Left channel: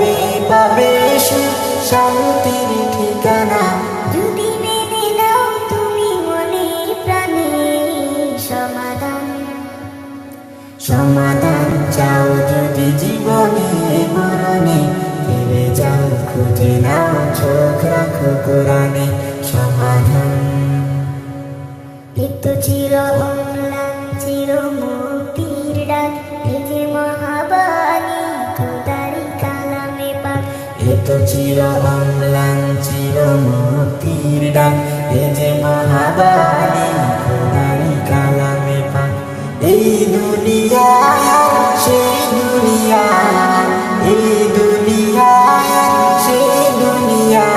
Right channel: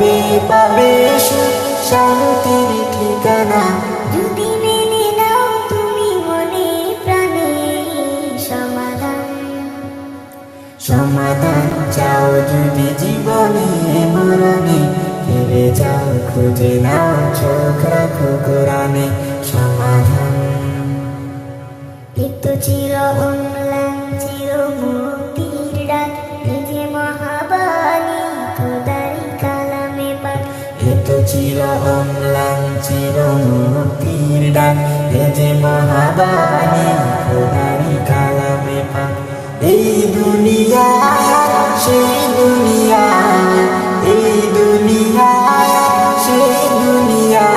তবে পাবে সুখ শান্তির ঠিকানা। যদি মেনে নাও তুমি মনে প্রাণে সমাধান। সমাধান চাও যদি জীবনে মরণে, ফিরে যাও খুঁজে নাও চোখ রাখো কোরআনে। সমাধান এত চির অম্লান চির মুক্তির ডাক, এ যে মহাবাণী খোদারি কালামে পাক। এত চির অম্লান চির মুক্তির ডাক, এ যে মহাবাণী খোদারি কালামে পাক। এই দুনিয়ায় আর সেই দুনিয়া, এই দুনিয়ায় আর সেই দুনিয়া।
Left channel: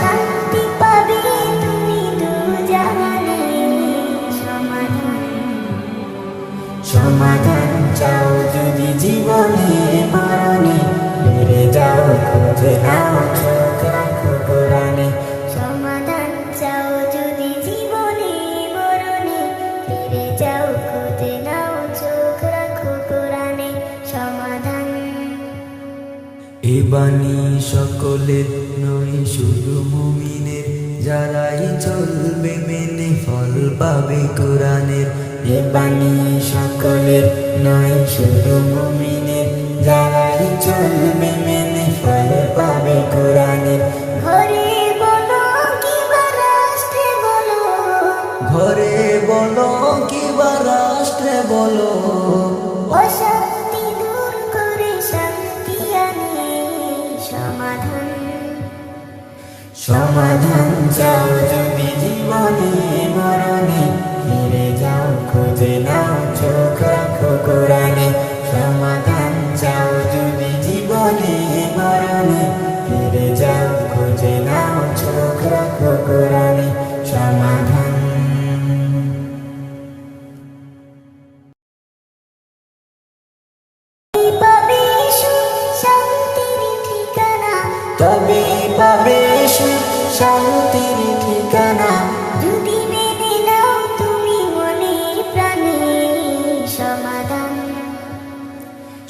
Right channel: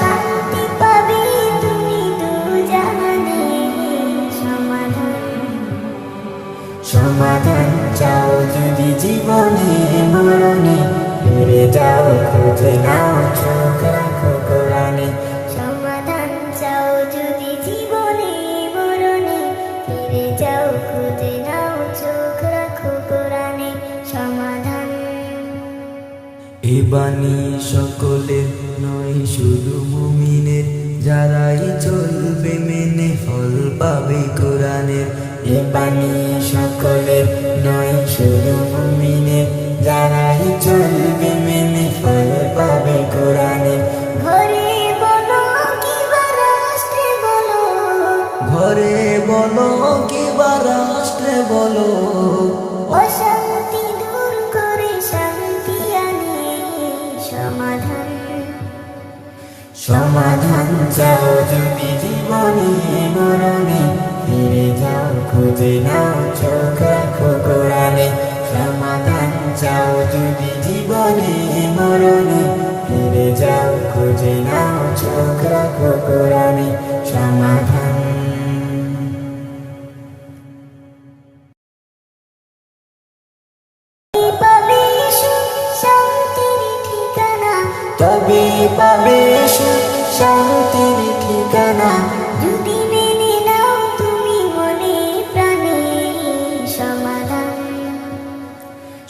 শান্তি পাবে তুমি দু জাহানে সমাধান। সমাধান চাও যদি জীবনে মরণে, ফিরে যাও খুঁজে নাও চোখ রাখো কোরআনে। সমাধান চাও যদি জীবনে মরণে, ফিরে যাও খুঁজে নাও চোখ রাখো কোরআনে। সমাধান এ বাণী সকলের নয় শুধু মুমিনের, যারাই চলবে মেনে ফল পাবে কোরআনের। এ বাণী সকলের নয় শুধু মুমিনের, যারাই চলবে মেনে ফল পাবে কোরআনের। ঘরে বলো কিবা রাষ্ট্রে বলো, ঘরে বলো কিবা রাষ্ট্রে বলো, অশান্তি দূর করে শান্তি আনে সমাধান। সমাধান চাও যদি জীবনে মরণে, ফিরে যাও খুঁজে নাও চোখ রাখো কোরআনে। সমাধান চাও যদি জীবনে মরণে, ফিরে যাও খুঁজে নাও চোখ রাখো কোরআনে। সমাধান পাবে সুখ শান্তির ঠিকানা। তবে পাবে সুখ শান্তির ঠিকানা। যদি মেনে নাও তুমি মনে প্রাণে সমাধান।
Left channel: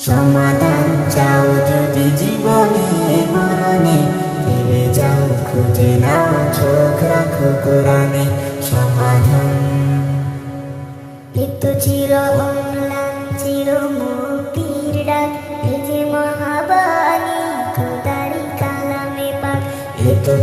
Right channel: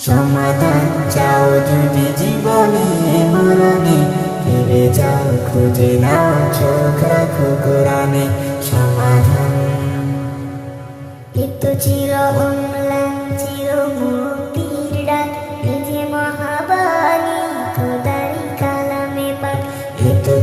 সমাধান চাও যদি জীবনে মরণে, ফিরে যাও খুঁজে নাও চোখ রাখো কোরআনে। সমাধান এত চির অম্লান চির মুক্তির ডাক, এ যে মহাবাণী খোদারি কালামে পাক। এ তো